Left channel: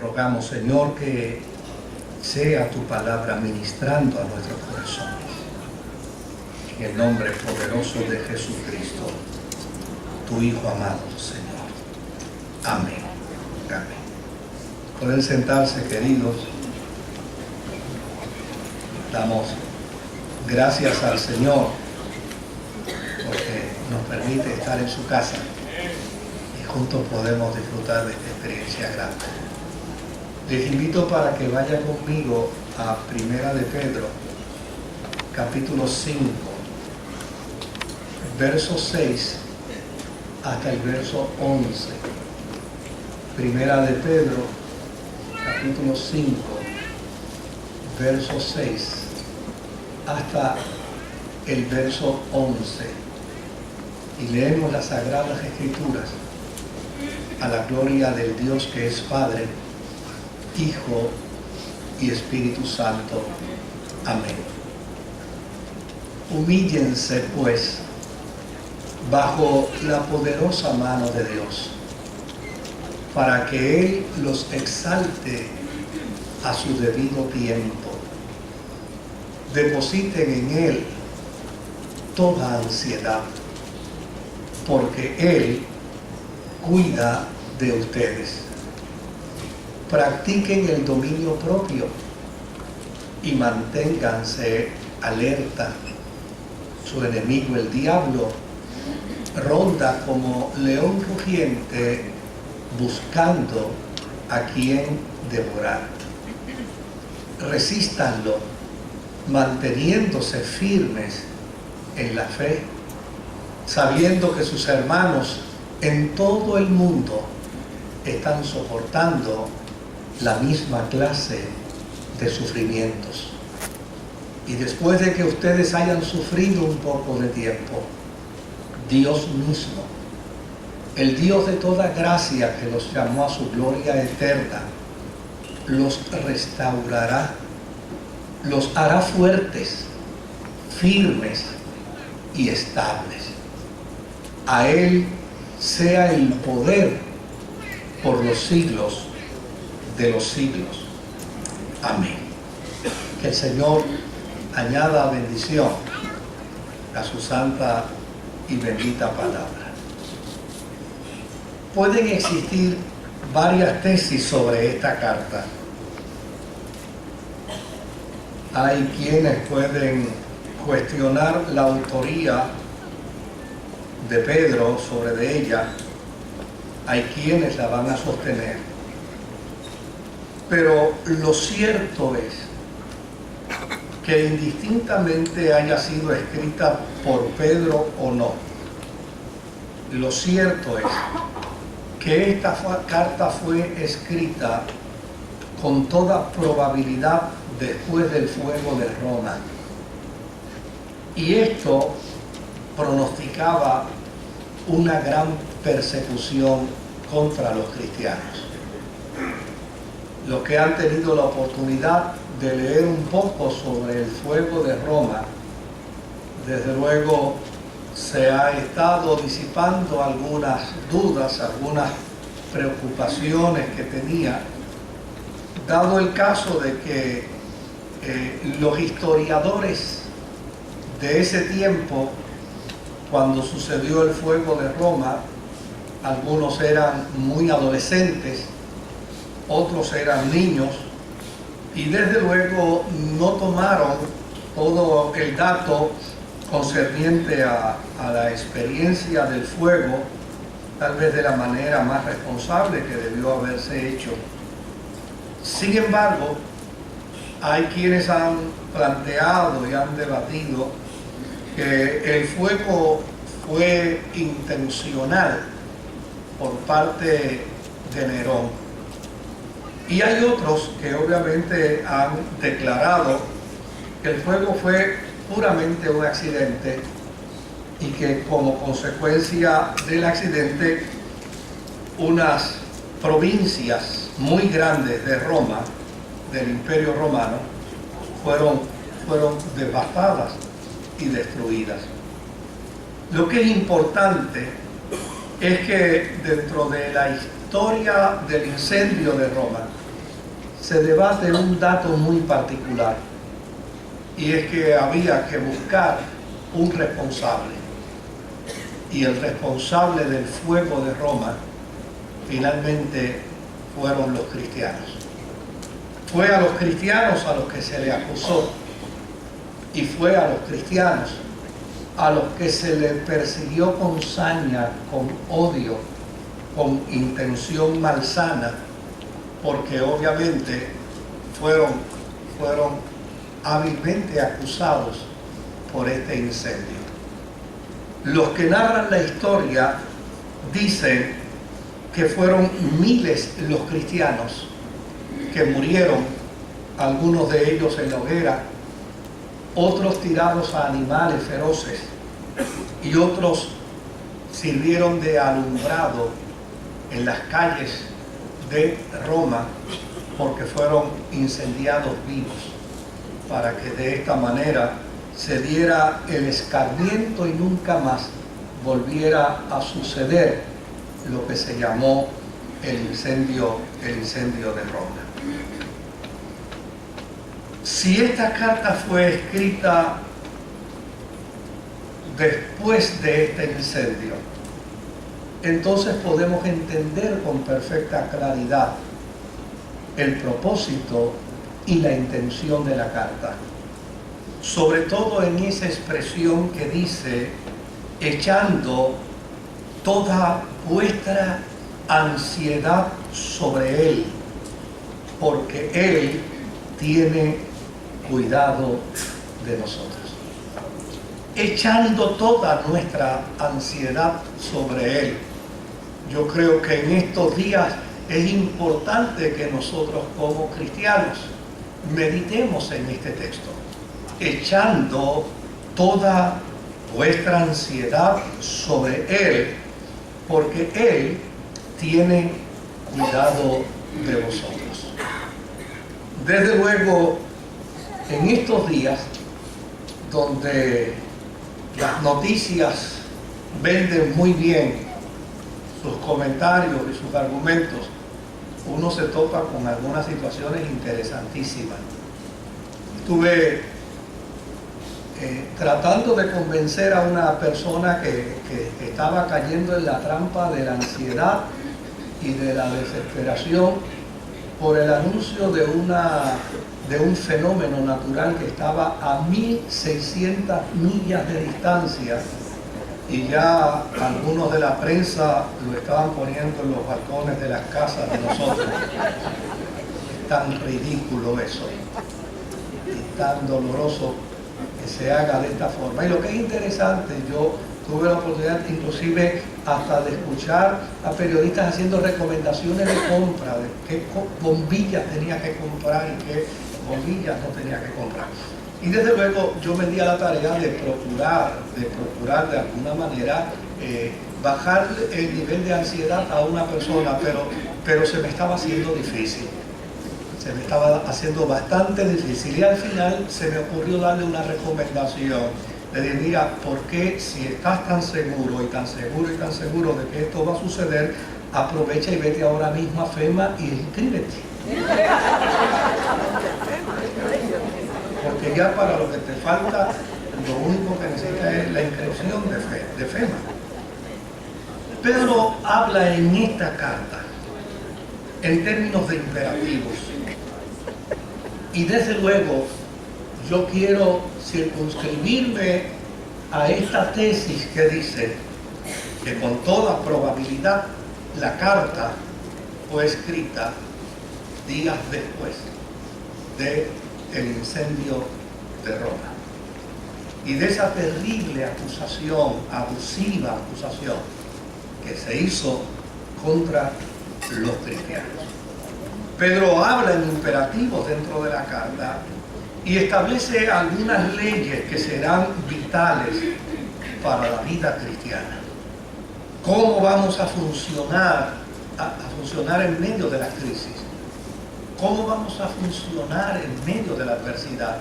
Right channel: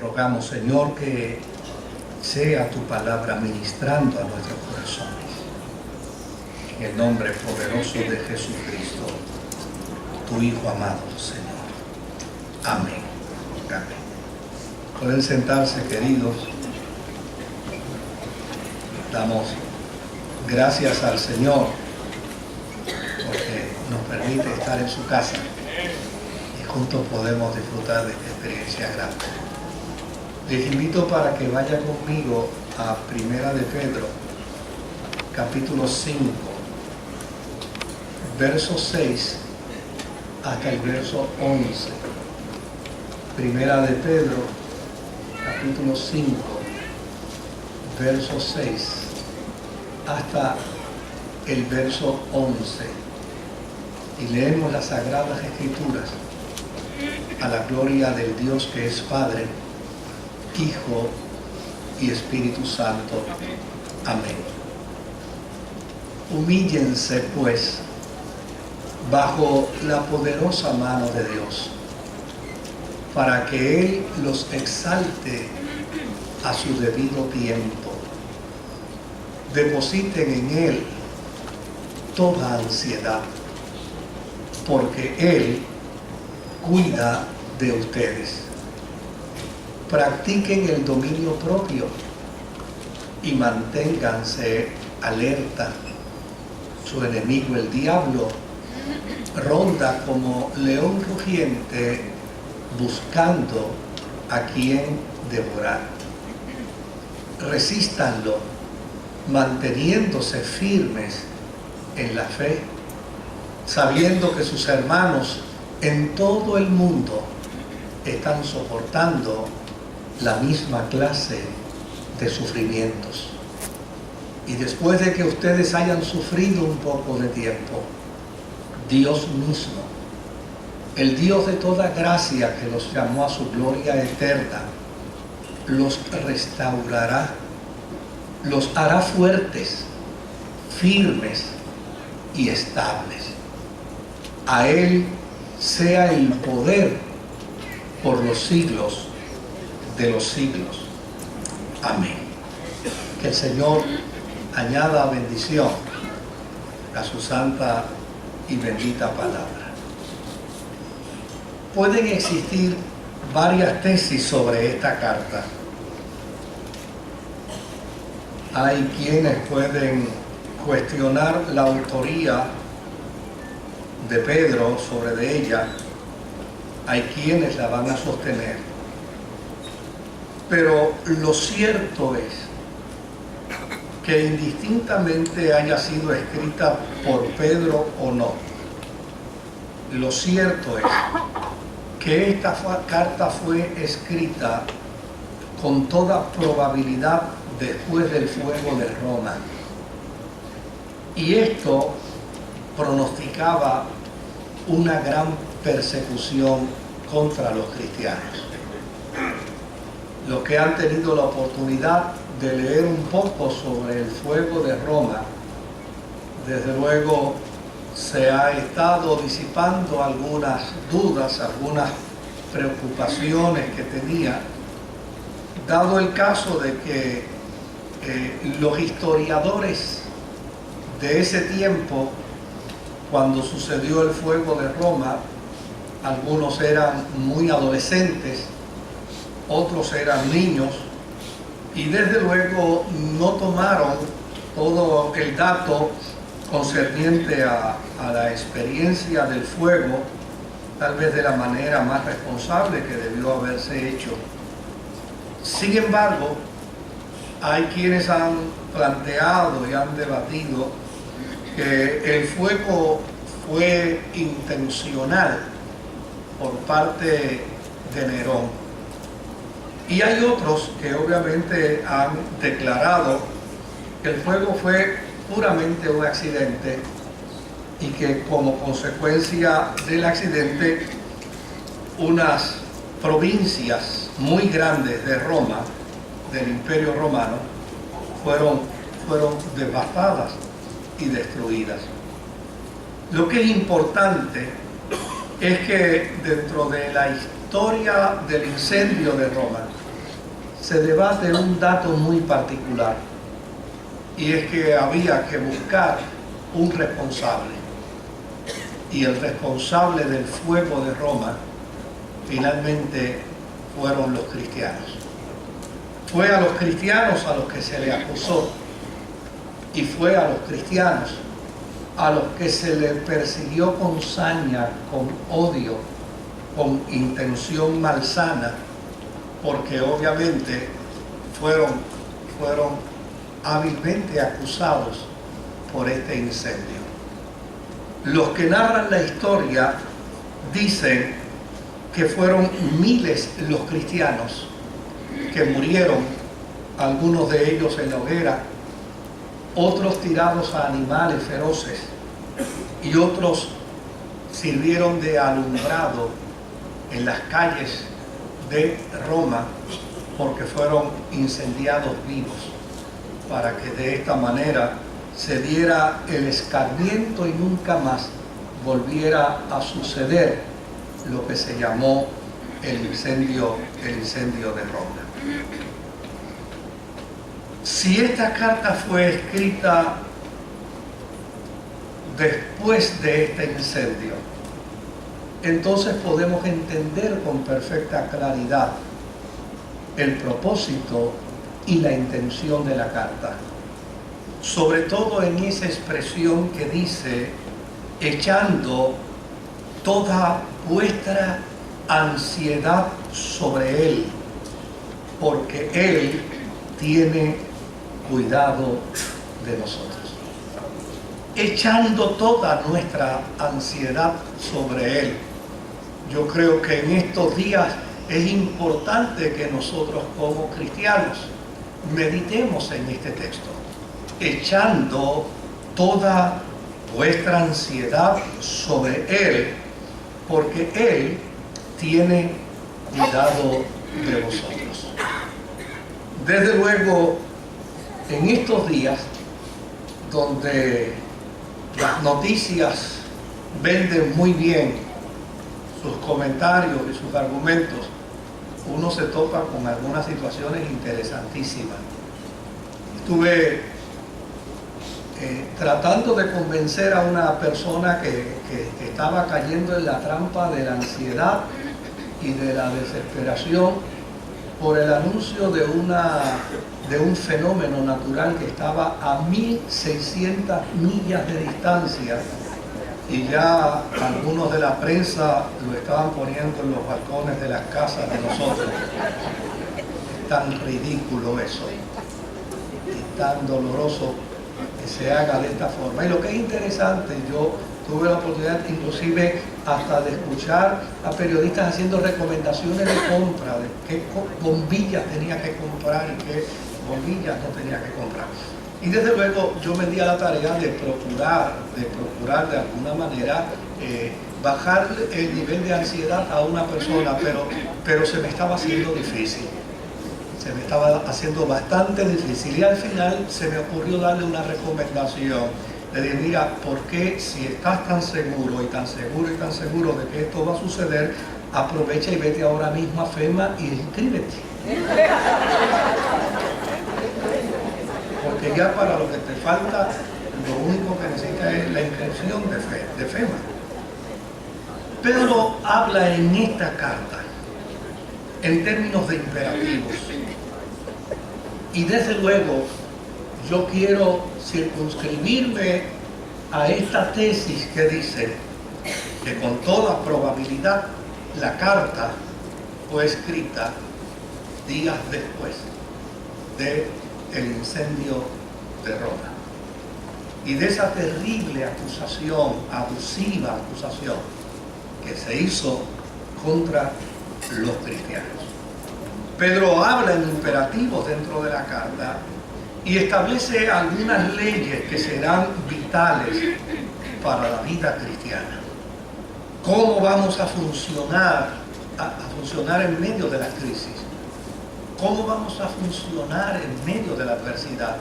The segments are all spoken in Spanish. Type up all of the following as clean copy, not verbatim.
rogamos, Señor, que sea tu palabra ministrando a nuestros corazones. En el nombre poderoso de Jesucristo, tu Hijo amado, Señor. Amén. Amén. Pueden sentarse, queridos. Damos gracias al Señor porque nos permite estar en su casa y juntos podemos disfrutar de esta experiencia grande. Les invito para que vayan conmigo a Primera de Pedro, capítulo 5, verso 6 hasta el verso 11. Primera de Pedro, capítulo 5, verso 6 hasta el verso 11. Y leemos las Sagradas Escrituras a la gloria del Dios que es Padre, Hijo y Espíritu Santo. Amén. Humíllense, pues, bajo la poderosa mano de Dios, para que Él los exalte a su debido tiempo. Depositen en Él toda ansiedad, porque Él cuida de ustedes. Practiquen el dominio propio y manténganse alerta. Su enemigo, el diablo, ronda como león rugiente buscando a quien devorar. Resístanlo, manteniéndose firmes en la fe, sabiendo que sus hermanos en todo el mundo están soportando la misma clase de sufrimientos. Y después de que ustedes hayan sufrido un poco de tiempo, Dios mismo, el Dios de toda gracia que los llamó a su gloria eterna, los restaurará, los hará fuertes, firmes y estables. A Él sea el poder por los siglos de los siglos. Amén. Que el Señor añada bendición a su santa y bendita palabra. Pueden existir varias tesis sobre esta carta. Hay quienes pueden cuestionar la autoría de Pedro sobre de ella. Hay quienes la van a sostener. Pero lo cierto es que indistintamente haya sido escrita por Pedro o no, lo cierto es que esta carta fue escrita con toda probabilidad después del fuego de Roma. Y esto pronosticaba una gran persecución contra los cristianos. Los que han tenido la oportunidad de leer un poco sobre el fuego de Roma, desde luego se ha estado disipando algunas dudas, algunas preocupaciones que tenía, dado el caso de que los historiadores de ese tiempo, cuando sucedió el fuego de Roma, algunos eran muy adolescentes, otros eran niños, y desde luego no tomaron todo el dato concerniente a la experiencia del fuego, tal vez de la manera más responsable que debió haberse hecho. Sin embargo, hay quienes han planteado y han debatido que el fuego fue intencional por parte de Nerón. Y hay otros que obviamente han declarado que el fuego fue puramente un accidente y que como consecuencia del accidente unas provincias muy grandes de Roma, del Imperio Romano, fueron devastadas y destruidas. Lo que es importante es que dentro de la historia del incendio de Roma, se debate un dato muy particular, y es que había que buscar un responsable, y el responsable del fuego de Roma finalmente fueron los cristianos. Fue a los cristianos a los que se le acusó, y fue a los cristianos a los que se le persiguió con saña, con odio, con intención malsana, porque obviamente fueron hábilmente acusados por este incendio. Los que narran la historia dicen que fueron miles los cristianos que murieron, algunos de ellos en la hoguera, otros tirados a animales feroces, y otros sirvieron de alumbrado en las calles de Roma porque fueron incendiados vivos, para que de esta manera se diera el escarmiento y nunca más volviera a suceder lo que se llamó el incendio de Roma. Si esta carta fue escrita después de este incendio, entonces podemos entender con perfecta claridad el propósito y la intención de la carta, sobre todo en esa expresión que dice: echando toda vuestra ansiedad sobre Él, porque Él tiene cuidado de nosotros. Echando toda nuestra ansiedad sobre Él. Yo creo que en estos días es importante que nosotros como cristianos meditemos en este texto. Echando toda vuestra ansiedad sobre Él, porque Él tiene cuidado de vosotros. Desde luego, en estos días donde las noticias venden muy bien sus comentarios y sus argumentos, uno se topa con algunas situaciones interesantísimas. Estuve tratando de convencer a una persona que estaba cayendo en la trampa de la ansiedad y de la desesperación por el anuncio de un fenómeno natural que estaba a 1.600 millas de distancia, y ya algunos de la prensa lo estaban poniendo en los balcones de las casas de nosotros. Es tan ridículo eso, y tan doloroso que se haga de esta forma. Y lo que es interesante, yo tuve la oportunidad inclusive hasta de escuchar a periodistas haciendo recomendaciones de compra, de qué bombillas tenía que comprar y qué bombillas no tenía que comprar. Y desde luego yo me di a la tarea de procurar de alguna manera bajar el nivel de ansiedad a una persona, pero se me estaba haciendo difícil. Se me estaba haciendo bastante difícil, y al final se me ocurrió darle una recomendación. Le dije: mira, ¿por qué, si estás tan seguro y tan seguro y tan seguro de que esto va a suceder, aprovecha y vete ahora mismo a FEMA y inscríbete? Porque ya para lo que te falta, lo único que necesitas es la inscripción de FEMA. Pedro habla en esta carta en términos de imperativos. Y desde luego, yo quiero circunscribirme a esta tesis que dice que con toda probabilidad la carta fue escrita días después del incendio de Roma y de esa terrible acusación, abusiva acusación que se hizo contra los cristianos. Pedro habla en imperativos dentro de la carta y establece algunas leyes que serán vitales para la vida cristiana. ¿Cómo vamos a funcionar en medio de la crisis? ¿Cómo vamos a funcionar en medio de la adversidad?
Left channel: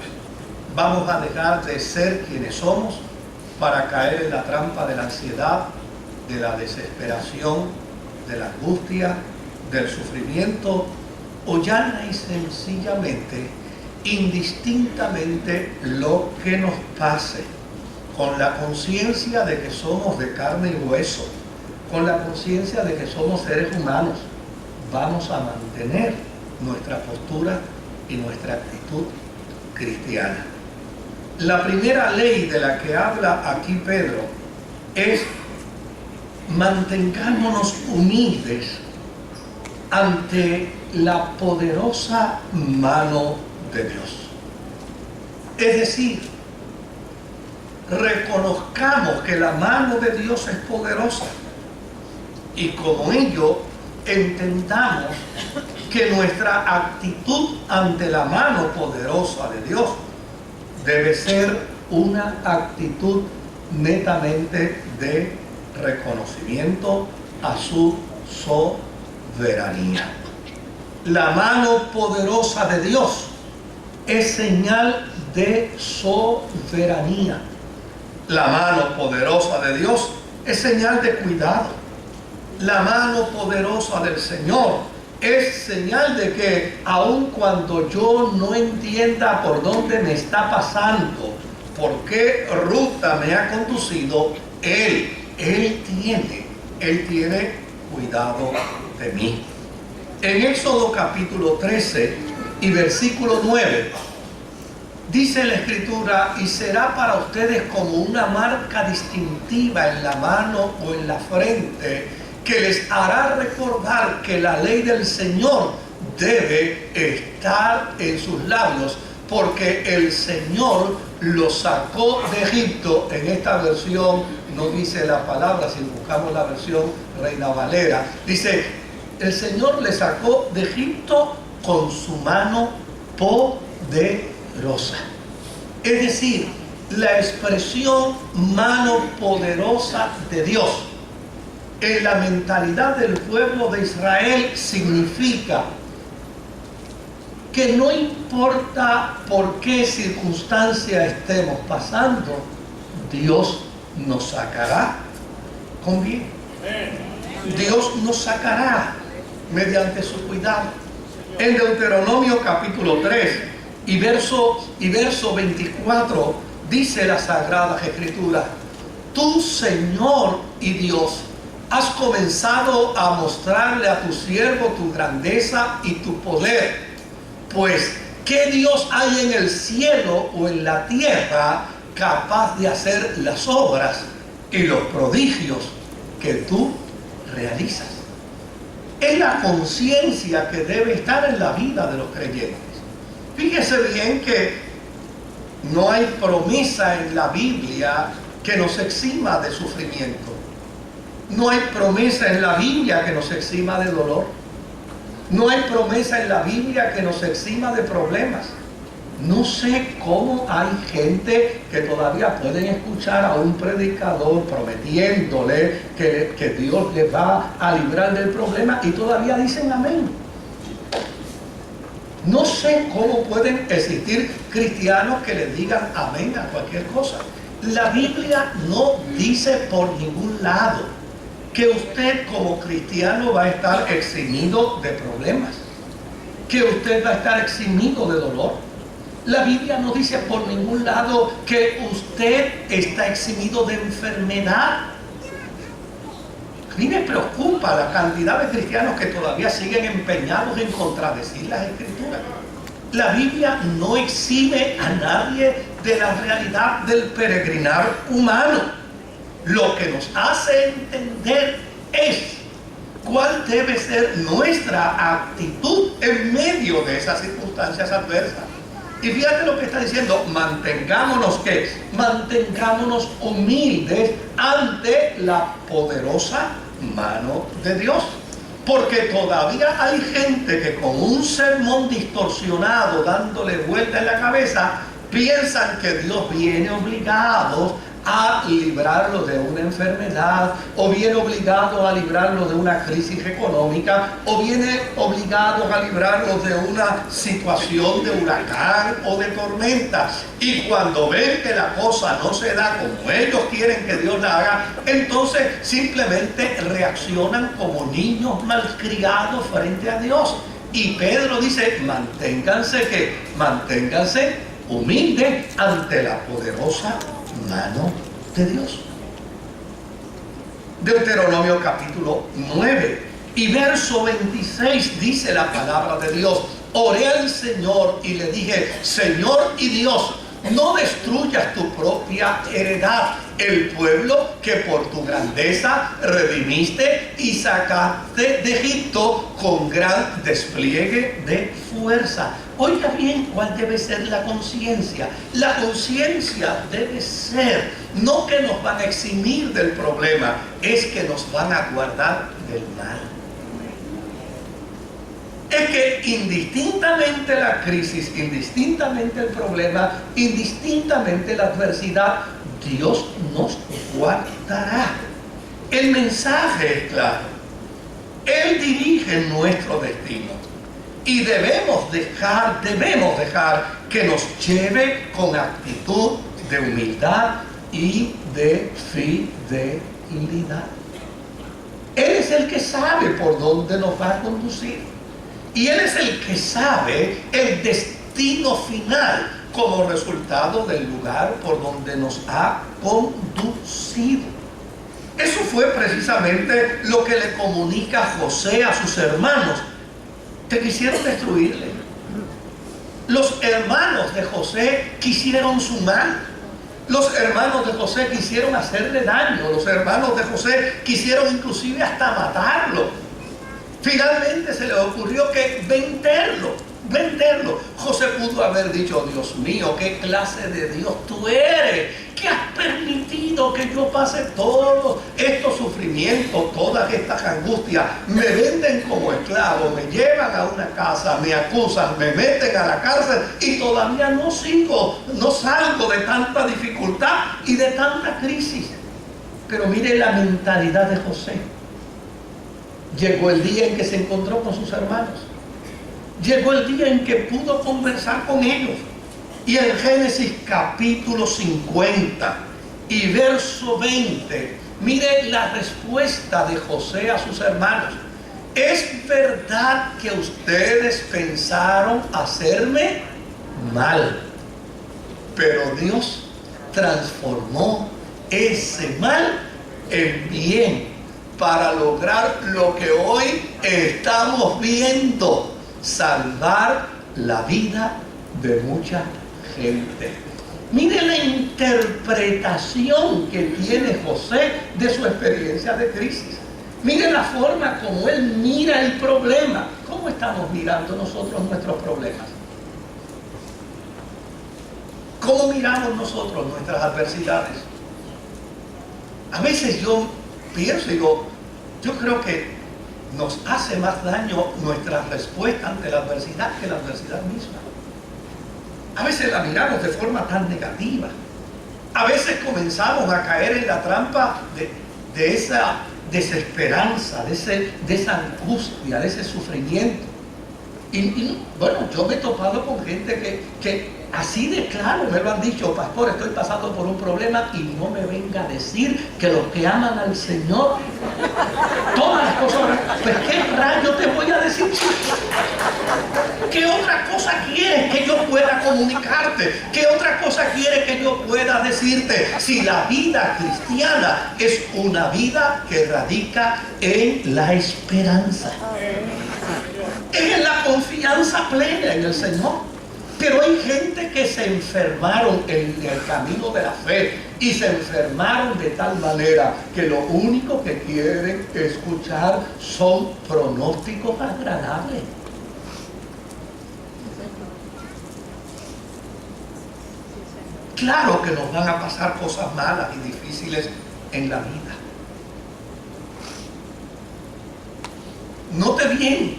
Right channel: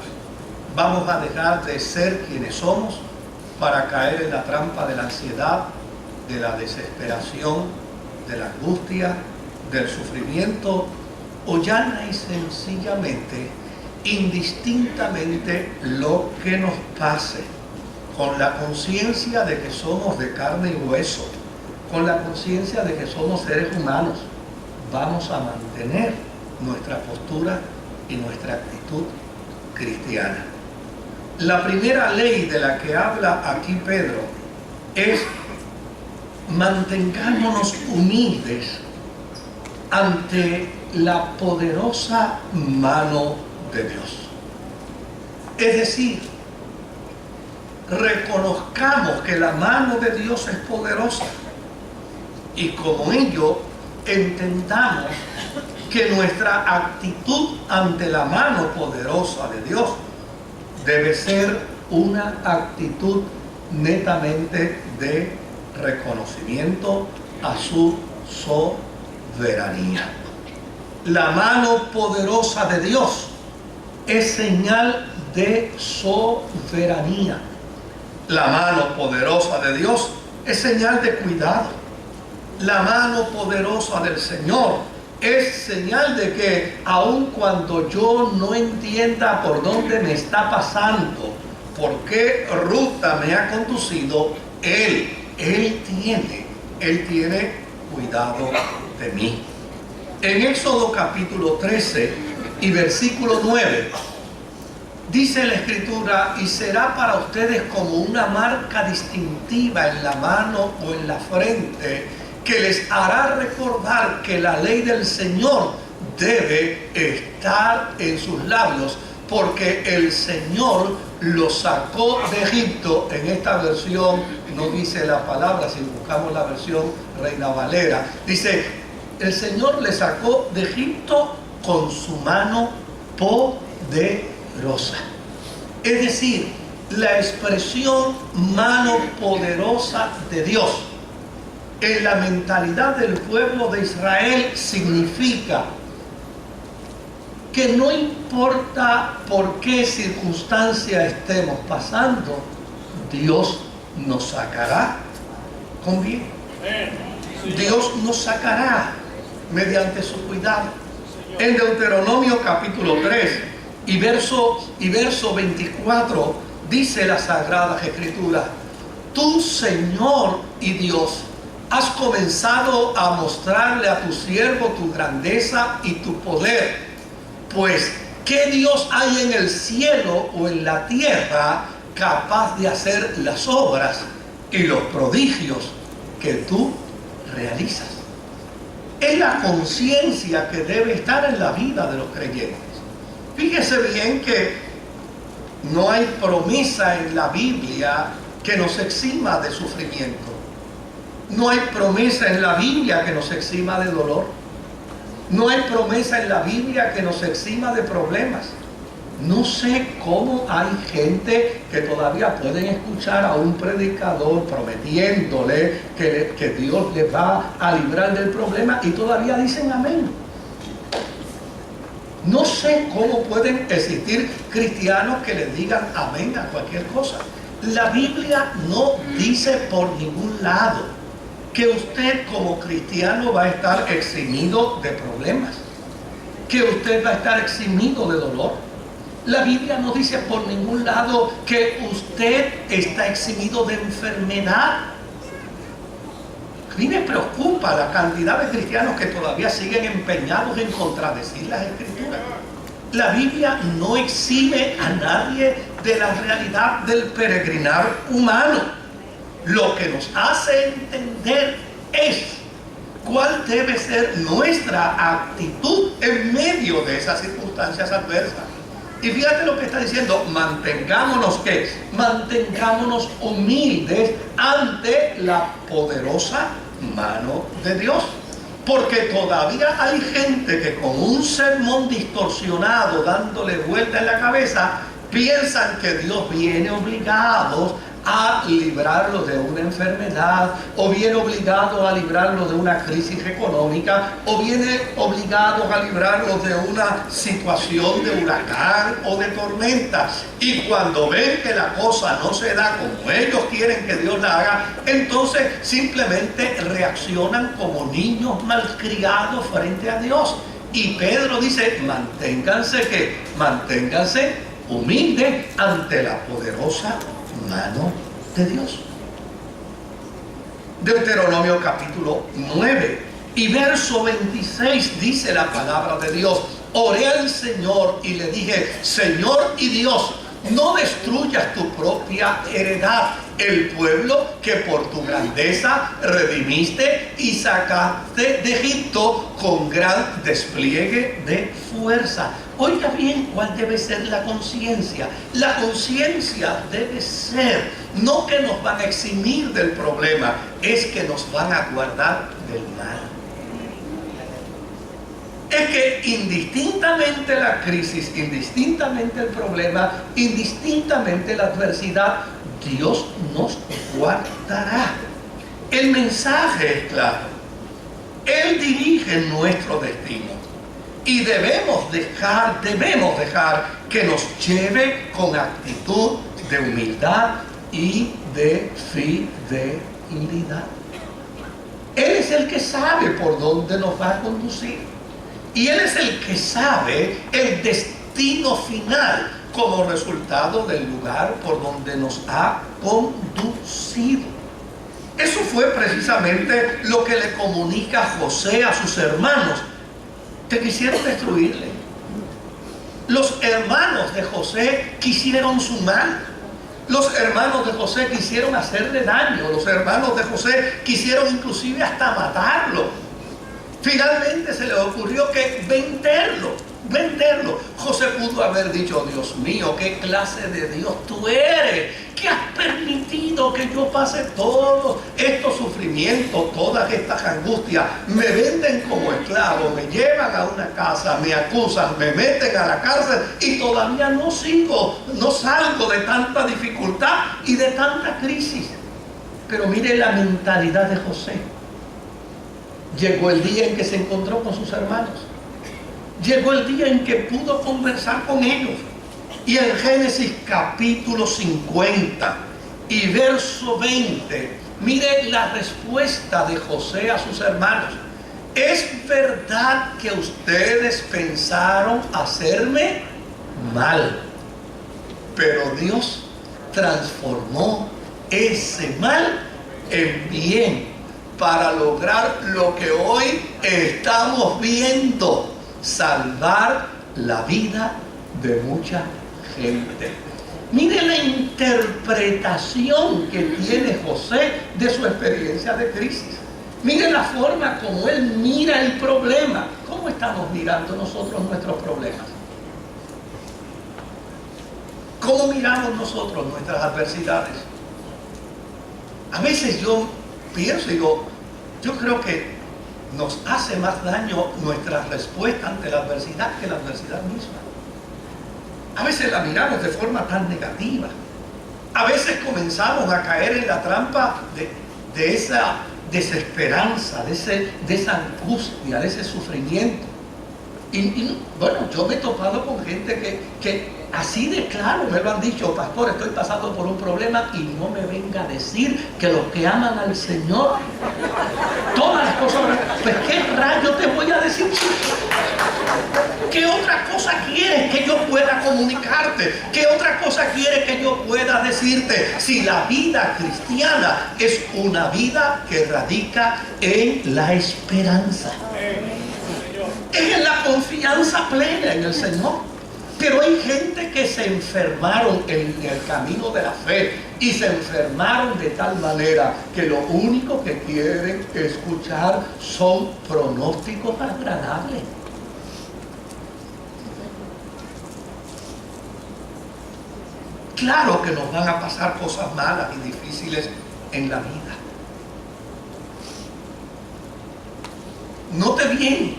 ¿Vamos a dejar de ser quienes somos para caer en la trampa de la ansiedad, de la desesperación, de la angustia, del sufrimiento? o llana y sencillamente, indistintamente lo que nos pase, con la conciencia de que somos de carne y hueso, con la conciencia de que somos seres humanos, vamos a mantener nuestra postura y nuestra actitud cristiana. La primera ley de la que habla aquí Pedro es: mantengámonos humildes ante la poderosa mano de Dios. Es decir, reconozcamos que la mano de Dios es poderosa y como ello entendamos que nuestra actitud ante la mano poderosa de Dios debe ser una actitud netamente de reconocimiento a su soberanía. La mano poderosa de Dios es señal de soberanía. La mano poderosa de Dios es señal de cuidado. La mano poderosa del Señor es señal de que aun cuando yo no entienda por dónde me está pasando, por qué ruta me ha conducido, Él tiene cuidado de mí. En Éxodo capítulo 13 y versículo 9, dice la Escritura: y será para ustedes como una marca distintiva en la mano o en la frente, que les hará recordar que la ley del Señor debe estar en sus labios, porque el Señor los sacó de Egipto. En esta versión no dice la palabra, si buscamos la versión Reina Valera, dice: el Señor les sacó de Egipto con su mano poderosa. Es decir, la expresión mano poderosa de Dios en la mentalidad del pueblo de Israel significa que no importa por qué circunstancia estemos pasando, Dios nos sacará con bien. Dios nos sacará mediante su cuidado. En Deuteronomio capítulo 3 y verso 24 dice las Sagradas Escrituras: tú, Señor y Dios, has comenzado a mostrarle a tu siervo tu grandeza y tu poder. Pues, ¿qué Dios hay en el cielo o en la tierra capaz de hacer las obras y los prodigios que tú realizas? Es la conciencia que debe estar en la vida de los creyentes. Fíjese bien que no hay promesa en la Biblia que nos exima de sufrimiento. No hay promesa en la Biblia que nos exima de dolor. No hay promesa en la Biblia que nos exima de problemas. No sé cómo hay gente que todavía pueden escuchar a un predicador prometiéndole que Dios les va a librar del problema y todavía dicen amén. No sé cómo pueden existir cristianos que les digan amén a cualquier cosa. La Biblia no dice por ningún lado que usted como cristiano va a estar eximido de problemas, que usted va a estar eximido de dolor. La Biblia no dice por ningún lado que usted está eximido de enfermedad. A mí me preocupa la cantidad de cristianos que todavía siguen empeñados en contradecir las Escrituras. La Biblia no exime a nadie de la realidad del peregrinar humano. Lo que nos hace entender es cuál debe ser nuestra actitud en medio de esas circunstancias adversas. Y fíjate lo que está diciendo: mantengámonos, ¿qué? Mantengámonos humildes ante la poderosa mano de Dios. Porque todavía hay gente que con un sermón distorsionado dándole vuelta en la cabeza, piensan que Dios viene obligado a librarlo de una enfermedad, o viene obligado a librarlo de una crisis económica, o viene obligado a librarlo de una situación de huracán o de tormenta. Y cuando ven que la cosa no se da como ellos quieren que Dios la haga, entonces simplemente reaccionan como niños malcriados frente a Dios. Y Pedro dice, manténganse humildes ante la poderosa mano de Dios. Deuteronomio capítulo 9 y verso 26 dice la palabra de Dios: oré al Señor y le dije, Señor y Dios, no destruyas tu propia heredad, el pueblo que por tu grandeza redimiste y sacaste de Egipto con gran despliegue de fuerza. Oiga bien, ¿cuál debe ser la conciencia? La conciencia debe ser no que nos van a eximir del problema, es que nos van a guardar del mal. Es que indistintamente la crisis, indistintamente el problema, indistintamente la adversidad, Dios nos guardará. El mensaje es claro. Él dirige nuestro destino. Y debemos dejar que nos lleve con actitud de humildad y de fidelidad. Él es el que sabe por dónde nos va a conducir. Y Él es el que sabe el destino final como resultado del lugar por donde nos ha conducido. Eso fue precisamente lo que le comunica José a sus hermanos, que quisieron destruirle. Los hermanos de José quisieron su mal. Los hermanos de José quisieron hacerle daño. Los hermanos de José quisieron inclusive hasta matarlo. Finalmente se le ocurrió que venderlo. José pudo haber dicho, Dios mío, ¿qué clase de Dios tú eres? ¿Qué has permitido que yo pase todos estos sufrimientos, todas estas angustias? Me venden como esclavo, me llevan a una casa, me acusan, me meten a la cárcel y todavía no salgo de tanta dificultad y de tanta crisis. Pero mire la mentalidad de José. Llegó el día en que se encontró con sus hermanos. Llegó el día en que pudo conversar con ellos. Y en Génesis capítulo 50 y verso 20, mire la respuesta de José a sus hermanos. ¿Es verdad que ustedes pensaron hacerme mal? Pero Dios transformó ese mal en bien para lograr lo que hoy estamos viendo: salvar la vida de mucha gente. Mire la interpretación que tiene José de su experiencia de crisis. Mire la forma como él mira el problema. ¿Cómo estamos mirando nosotros nuestros problemas? ¿Cómo miramos nosotros nuestras adversidades? A veces yo pienso y digo, yo creo que nos hace más daño nuestra respuesta ante la adversidad que la adversidad misma. A veces la miramos de forma tan negativa. A veces comenzamos a caer en la trampa de esa desesperanza, de esa angustia, de ese sufrimiento. Y bueno, yo me he topado con gente que así de claro me lo han dicho: pastor, estoy pasando por un problema, y no me venga a decir que los que aman al Señor, todas las cosas, pues ¿qué rayo te voy a decir? ¿Qué otra cosa quieres que yo pueda comunicarte? ¿Qué otra cosa quieres que yo pueda decirte? Si la vida cristiana es una vida que radica en la esperanza, es en la confianza plena en el Señor. Pero hay gente que se enfermaron en el camino de la fe, y se enfermaron de tal manera que lo único que quieren escuchar son pronósticos agradables. Claro que nos van a pasar cosas malas y difíciles en la vida. Note bien,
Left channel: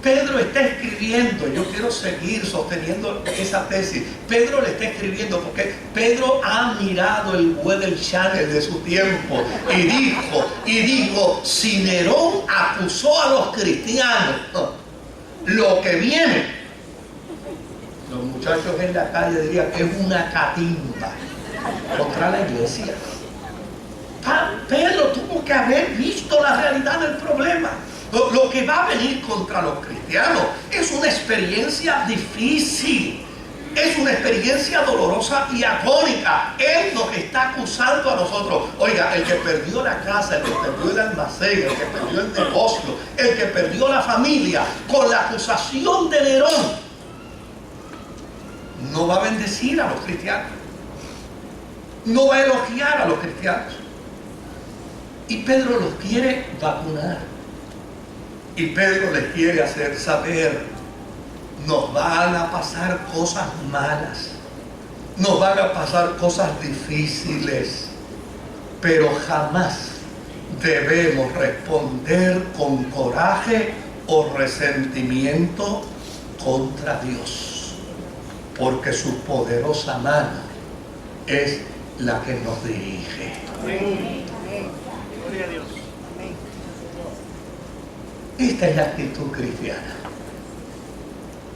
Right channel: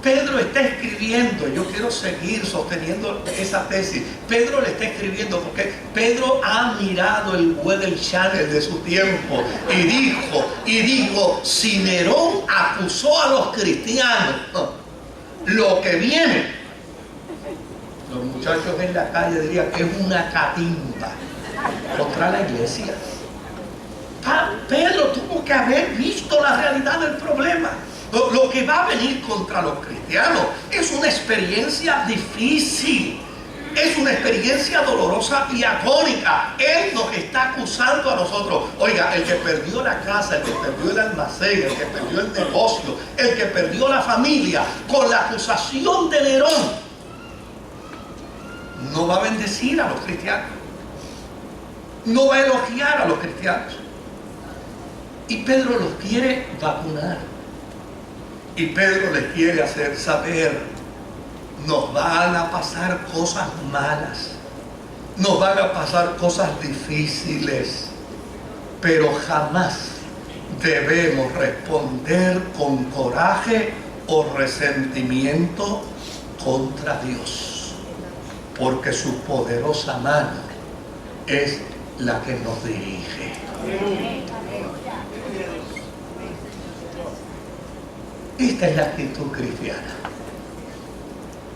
Pedro está escribiendo, yo quiero seguir sosteniendo esa tesis. Pedro le está escribiendo porque Pedro ha mirado el Weather Channel de su tiempo y dijo, si Nerón acusó a los cristianos, lo que viene, los muchachos en la calle dirían que es una catimba contra la iglesia. Pedro tuvo que haber visto la realidad del problema. Lo que va a venir contra los cristianos es una experiencia difícil. Es una experiencia dolorosa y agónica. Él nos está acusando a nosotros. Oiga, el que perdió la casa, el que perdió el almacén, el que perdió el negocio, el que perdió la familia, con la acusación de Nerón, no va a bendecir a los cristianos. No va a elogiar a los cristianos. Y Pedro los quiere vacunar. Y Pedro les quiere hacer saber: nos van a pasar cosas malas, nos van a pasar cosas difíciles, pero jamás debemos responder con coraje o resentimiento contra Dios, porque su poderosa mano es la que nos dirige. Esta es la actitud cristiana.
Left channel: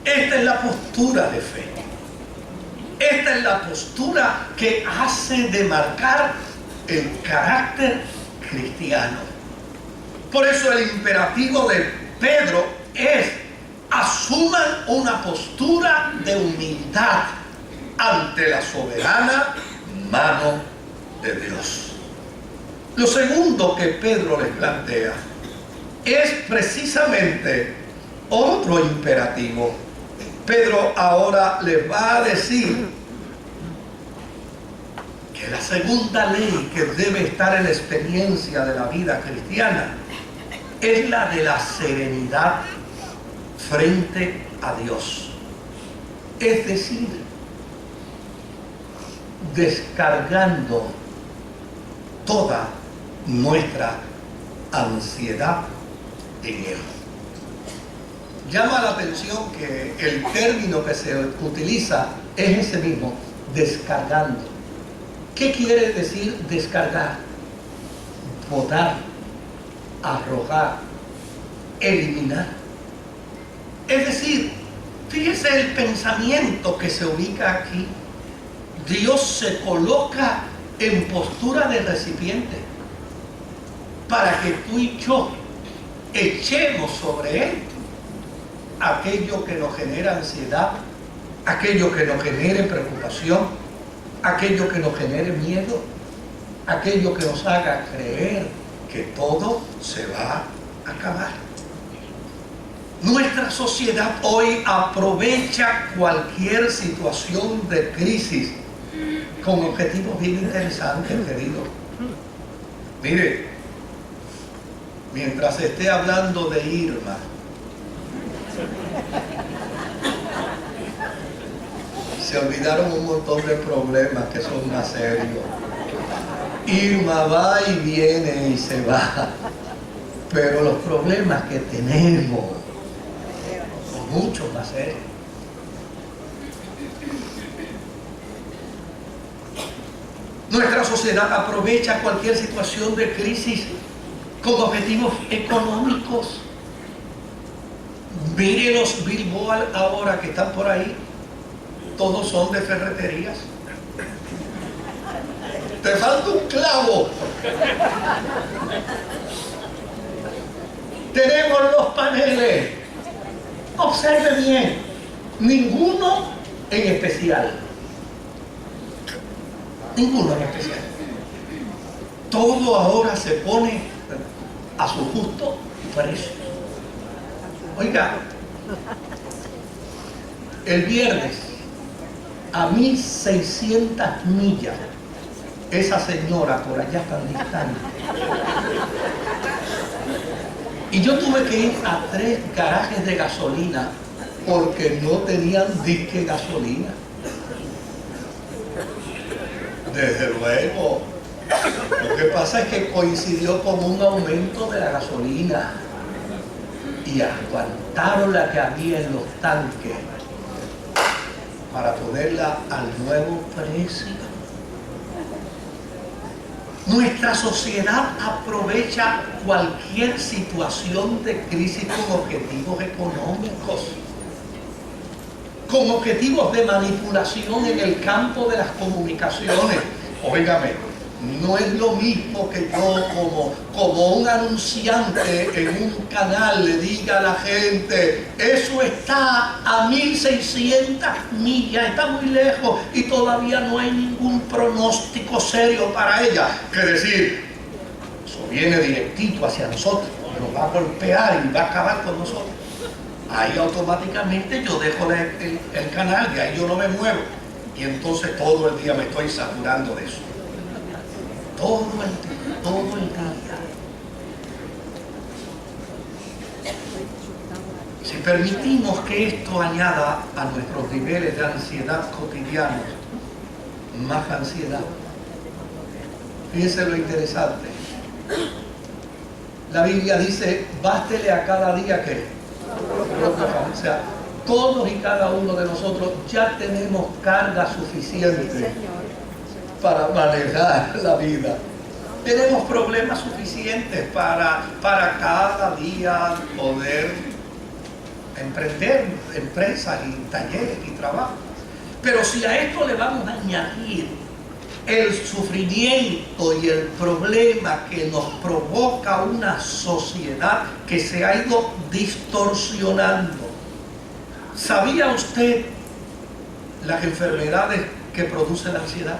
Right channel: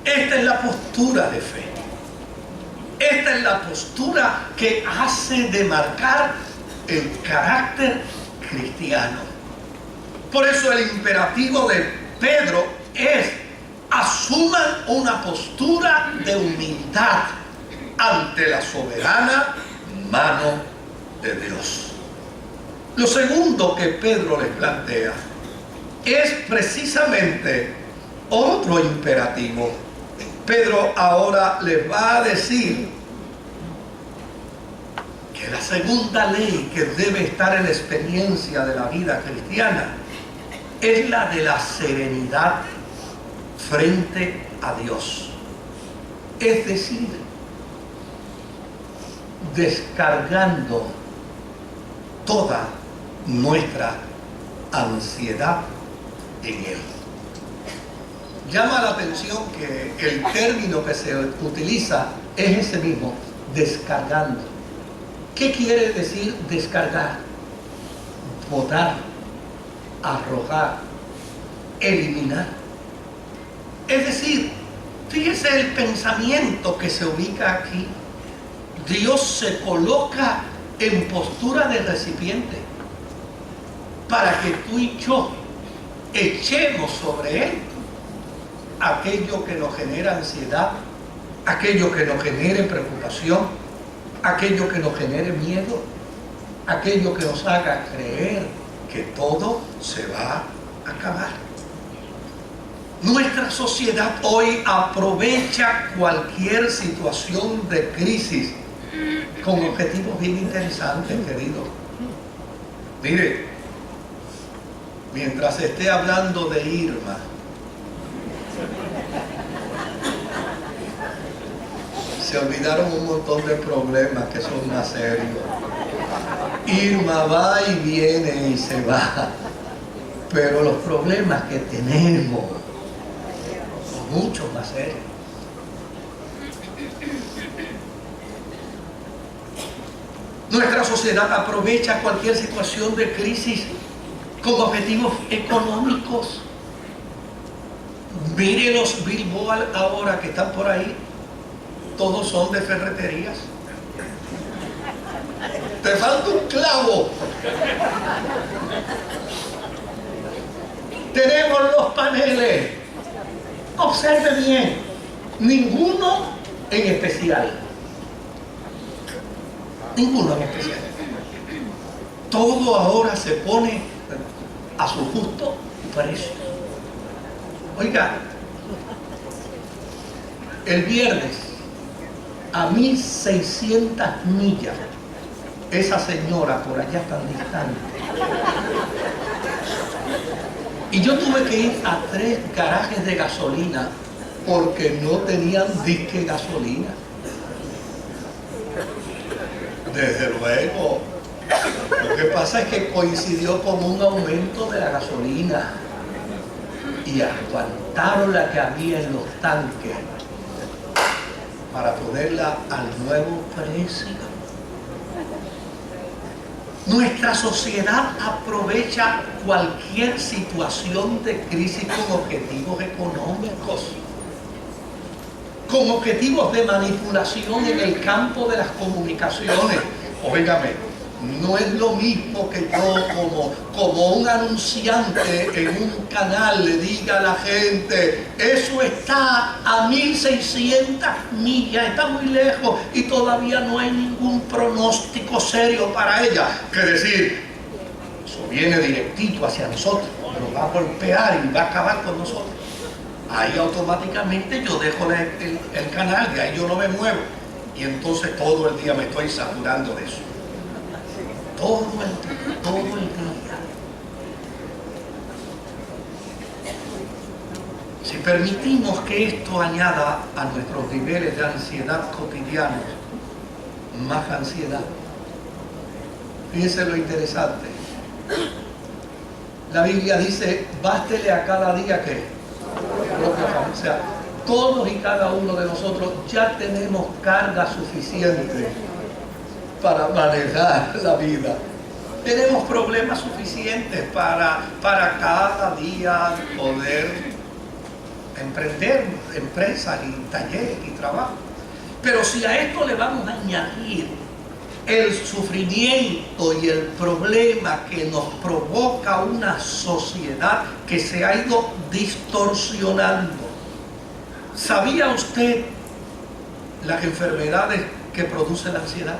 Esta es la postura de fe. Esta es la postura que hace demarcar el carácter cristiano. Por eso el imperativo de Pedro es: asuman una postura de humildad ante la soberana mano de Dios. Lo segundo que Pedro les plantea es precisamente otro imperativo. Pedro ahora les va a decir que la segunda ley que debe estar en la experiencia de la vida cristiana es la de la serenidad frente a Dios. Es decir, descargando toda nuestra ansiedad en Él. Llama la atención que el término que se utiliza es ese mismo, descargando. ¿Qué quiere decir descargar? Botar, arrojar, eliminar. Es decir, fíjese el pensamiento que se ubica aquí. Dios se coloca en postura de recipiente para que tú y yo echemos sobre Él aquello que nos genera ansiedad, aquello que nos genere preocupación, aquello que nos genere miedo, aquello que nos haga creer que todo se va a acabar. Nuestra sociedad hoy aprovecha cualquier situación de crisis con objetivos bien interesantes, querido. Mire, mientras esté hablando de Irma, se olvidaron un montón de problemas que son más serios. Irma va y viene y se va, pero los problemas que tenemos son mucho más serios. Nuestra sociedad aprovecha cualquier situación de crisis con objetivos económicos. Mire los billboards ahora que están por ahí, todos son de ferreterías. Te falta un clavo. Tenemos los paneles. Observe bien, ninguno en especial. Ninguno en especial. Todo ahora se pone a su justo precio. Oiga, el viernes, a 1600 millas, esa señora por allá tan distante, y yo tuve que ir a 3 garajes de gasolina porque no tenían disque gasolina. Desde luego, lo que pasa es que coincidió con un aumento de la gasolina y aguantaron la que había en los tanques para ponerla al nuevo precio. Nuestra sociedad aprovecha cualquier situación de crisis con objetivos económicos, con objetivos de manipulación en el campo de las comunicaciones. Óigame, No es lo mismo que yo como un anunciante en un canal le diga a la gente, eso está a 1600 millas, está muy lejos y todavía no hay ningún pronóstico serio para ella. Que decir, eso viene directito hacia nosotros, nos va a golpear y va a acabar con nosotros. Ahí automáticamente yo dejo el canal, de ahí yo no me muevo. Y entonces todo el día me estoy saturando de eso. Todo el día. Si permitimos que esto añada a nuestros niveles de ansiedad cotidianos, más ansiedad. Fíjense lo interesante. La Biblia dice, bástele a cada día que o sea, todos y cada uno de nosotros ya tenemos carga suficiente para manejar la vida. Tenemos problemas suficientes para cada día poder emprender empresas y talleres y trabajo. Pero si a esto le vamos a añadir el sufrimiento y el problema que nos provoca una sociedad que se ha ido distorsionando. ¿Sabía usted las enfermedades que produce la ansiedad?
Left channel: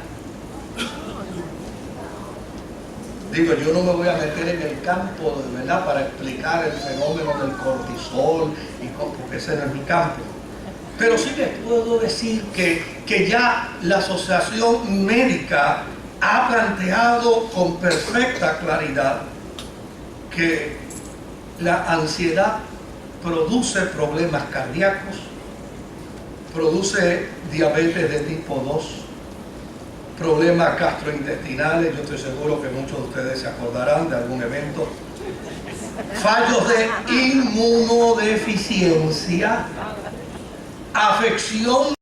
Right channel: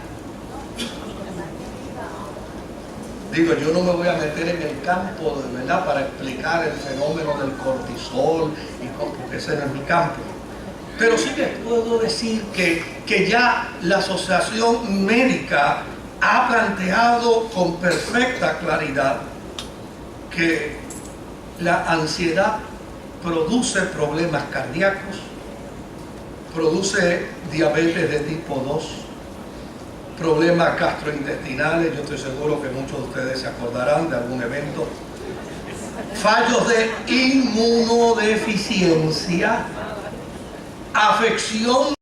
Digo, yo no me voy a meter en el campo, ¿verdad?, para explicar el fenómeno del cortisol, porque ese no es mi campo. Pero sí les puedo decir que ya la Asociación Médica ha planteado con perfecta claridad que la ansiedad produce problemas cardíacos, produce diabetes de tipo 2, problemas gastrointestinales, yo estoy seguro que muchos de ustedes se acordarán de algún evento, fallos de inmunodeficiencia, afección